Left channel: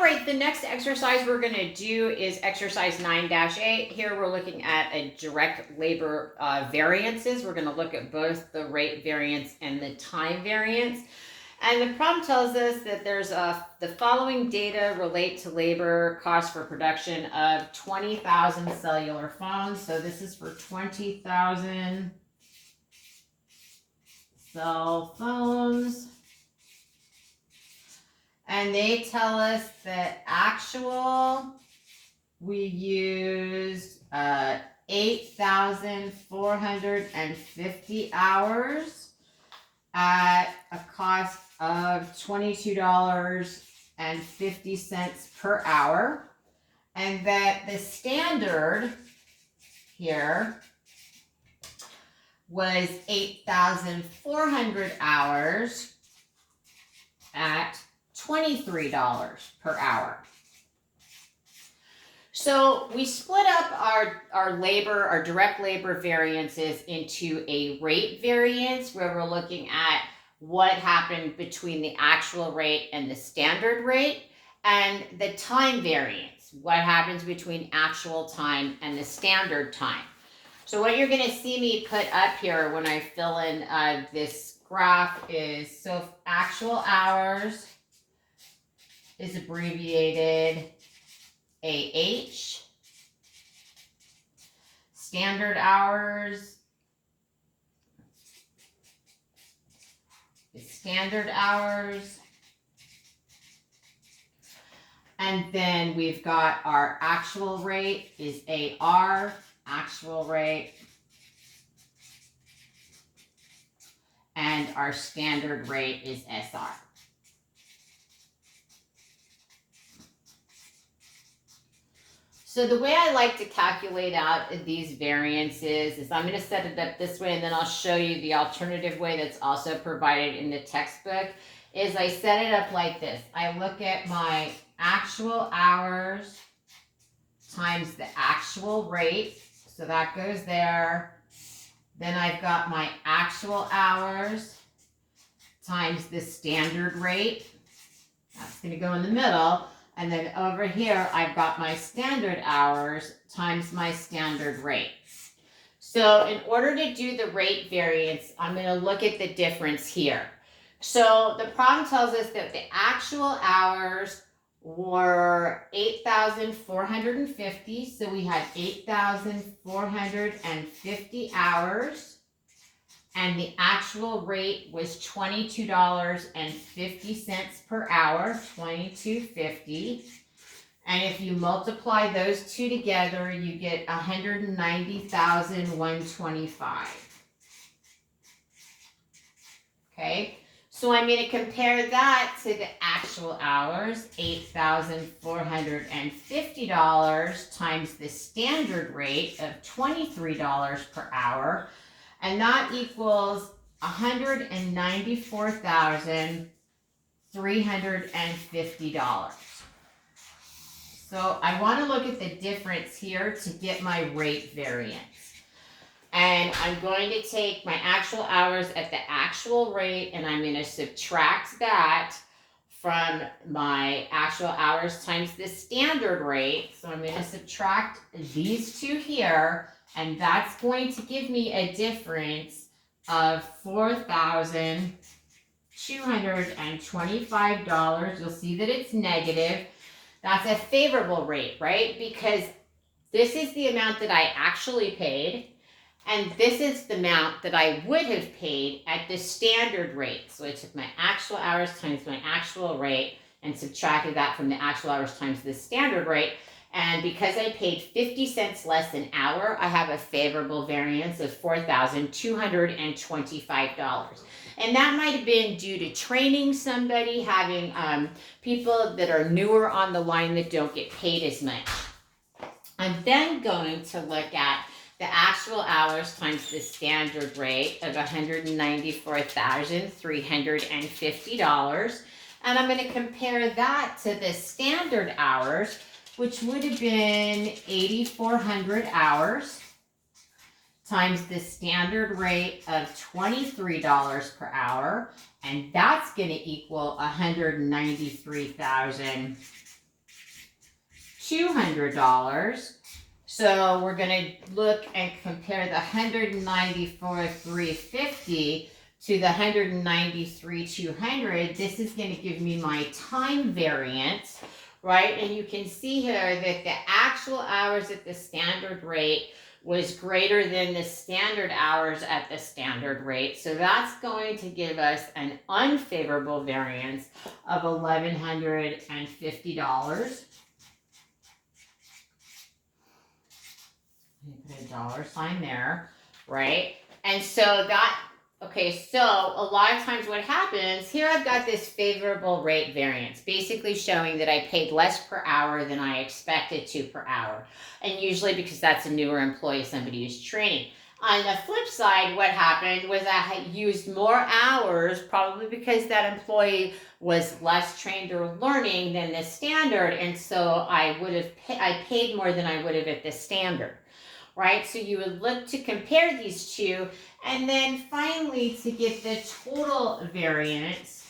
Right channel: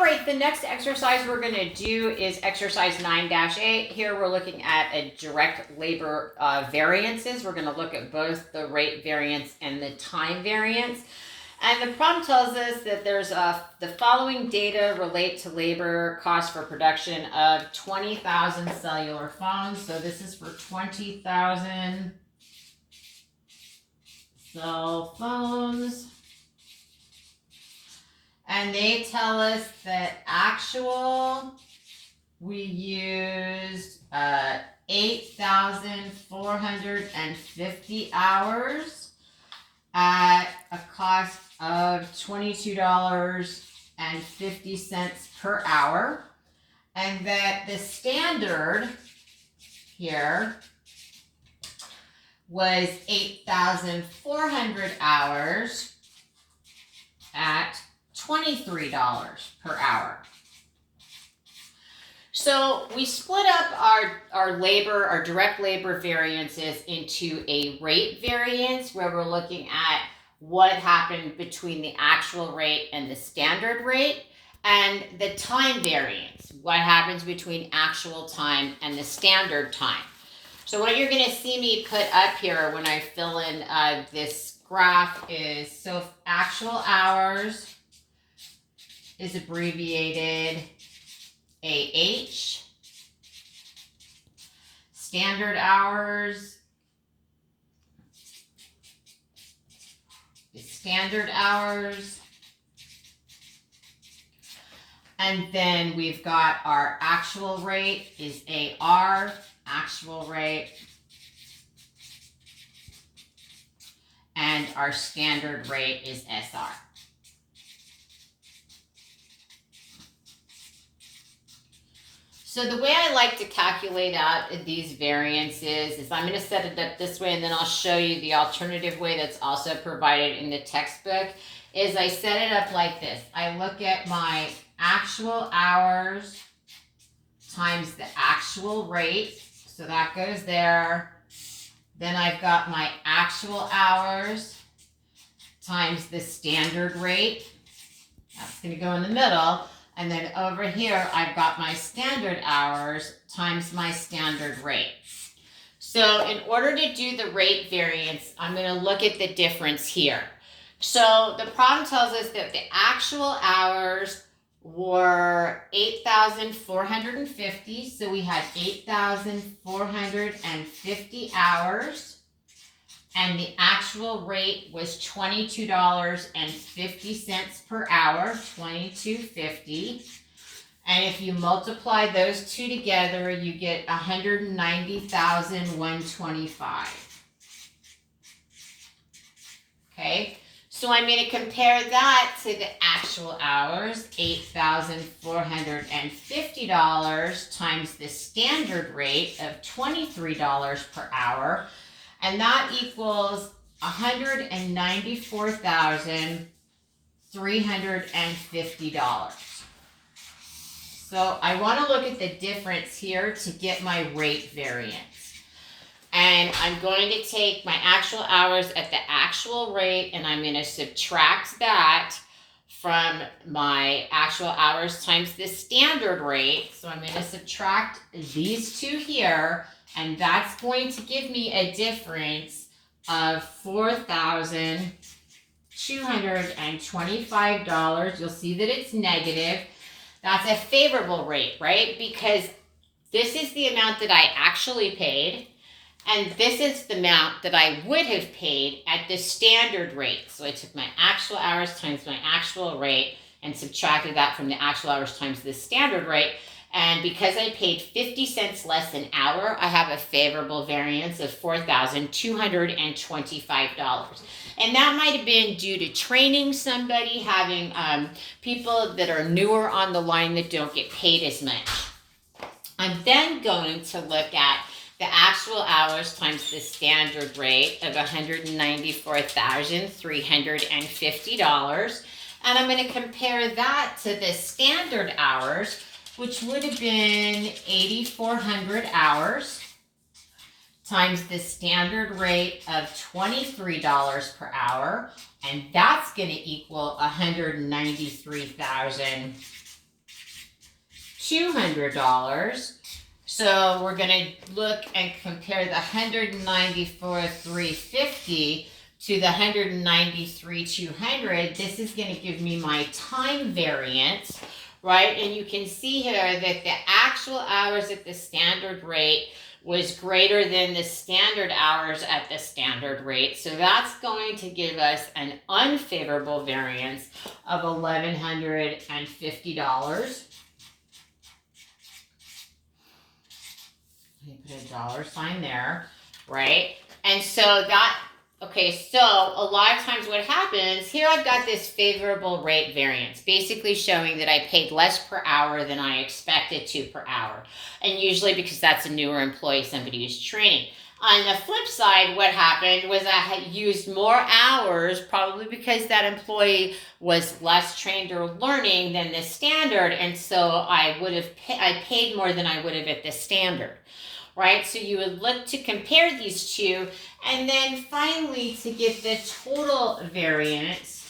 right, the next exercise we're going to do is exercise 9-8. Here we're looking at a direct labor variances. We're going to look at both the rate variance and the time variance. And the problem tells us that there's the following data relate to labor cost for production of 20,000 cellular phones. So this is for 20,000 cell phones. And they tell us that actual, we used 8,450 hours at a cost of $22.50 per hour. And that the standard here was 8,400 hours at $23 per hour. So we split up our labor, our direct labor variances into a rate variance where we're looking at what happened between the actual rate and the standard rate, and the time variance, what happens between actual time and the standard time. So what you're going to see me put up here when I fill in this graph is, so actual hours is abbreviated AH. Standard hours is standard hours. And then we've got our actual rate is AR, actual rate. And our standard rate is SR. So the way I like to calculate out these variances is I'm going to set it up this way, and then I'll show you the alternative way that's also provided in the textbook. Is I set it up like this. I look at my actual hours times the actual rate. So that goes there. Then I've got my actual hours times the standard rate. That's going to go in the middle. And then over here, I've got my standard hours times my standard rate. So in order to do the rate variance, I'm going to look at the difference here. So the problem tells us that the actual hours were 8,450. So we had 8,450 hours. And the actual rate was $22.50 per hour, $22.50. And if you multiply those two together, you get $190,125. Okay, so I'm going to compare that to the actual hours, $8,450 times the standard rate of $23 per hour. And that equals $194,350. So I want to look at the difference here to get my rate variance. And I'm going to take my actual hours at the actual rate, and I'm going to subtract that from my actual hours times the standard rate. So I'm going to subtract these two here. And that's going to give me a difference of $4,225. You'll see that it's negative. That's a favorable rate, right? Because this is the amount that I actually paid, and this is the amount that I would have paid at the standard rate. So I took my actual hours times my actual rate and subtracted that from the actual hours times the standard rate. And because I paid 50 cents less an hour, I have a favorable variance of $4,225. And that might have been due to training somebody, having people that are newer on the line that don't get paid as much. I'm then going to look at the actual hours times the standard rate of $194,350. And I'm going to compare that to the standard hours, which would have been 8,400 hours times the standard rate of $23 per hour. And that's going to equal $193,350. $200. So we're going to look and compare the 194,350 to the 193,200. This is going to give me my time variance, right? And you can see here that the actual hours at the standard rate was greater than the standard hours at the standard rate. So that's going to give us an unfavorable variance of $1,150. Put a dollar sign there, right? And so that, okay, so a lot of times what happens, here I've got this favorable rate variance, basically showing that I paid less per hour than I expected to per hour. And usually because that's a newer employee, somebody who's training. On the flip side, what happened was I had used more hours, probably because that employee was less trained or learning than the standard, and so I paid more than I would have at the standard, right? So you would look to compare these two, and then finally to get the total variance.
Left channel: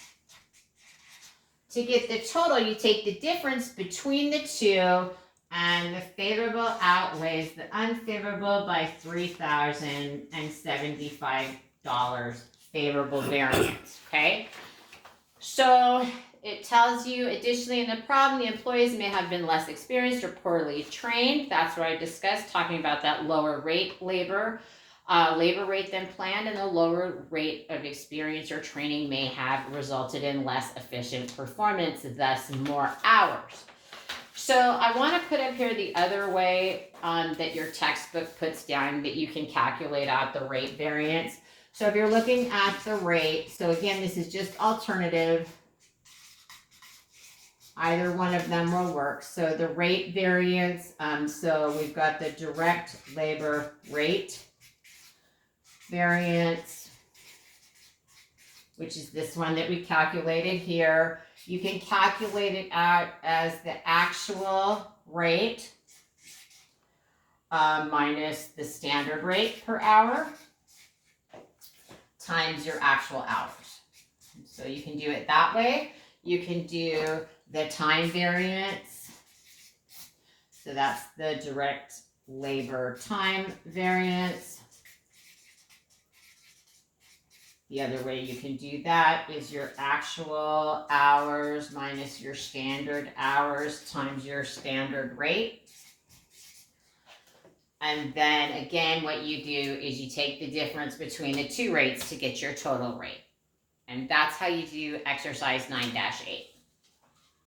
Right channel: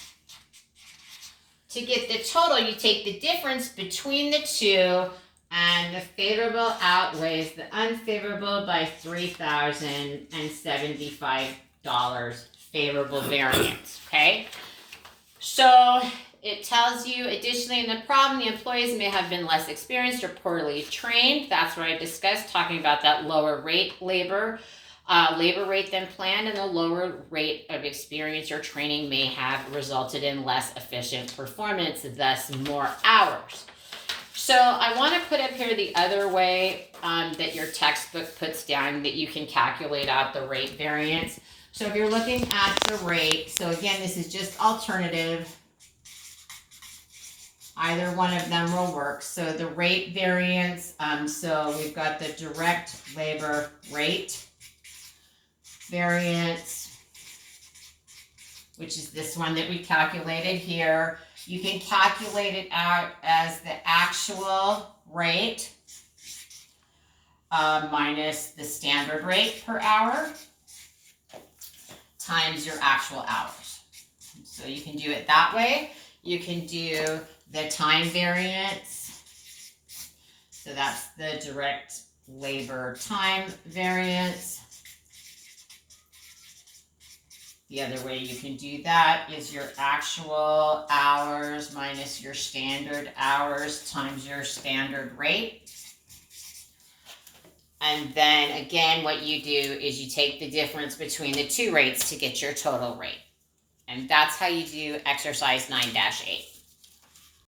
To get the total, you take the difference between the two, and the favorable outweighs the unfavorable by $3,075 favorable variance, okay? So it tells you, additionally, in the problem, the employees may have been less experienced or poorly trained. That's what I discussed, talking about that lower rate labor rate than planned, and the lower rate of experience or training may have resulted in less efficient performance, thus more hours. So I want to put up here the other way that your textbook puts down that you can calculate out the rate variance. So if you're looking at the rate, so again, this is just alternative. Either one of them will work. So the rate variance, so we've got the direct labor rate variance, which is this one that we calculated here. You can calculate it out as the actual rate minus the standard rate per hour times your actual hours. So you can do it that way. You can do the time variance. So that's the direct labor time variance. The other way you can do that is your actual hours minus your standard hours times your standard rate. And then again, what you do is you take the difference between the two rates to get your total rate. And that's how you do exercise 9-8.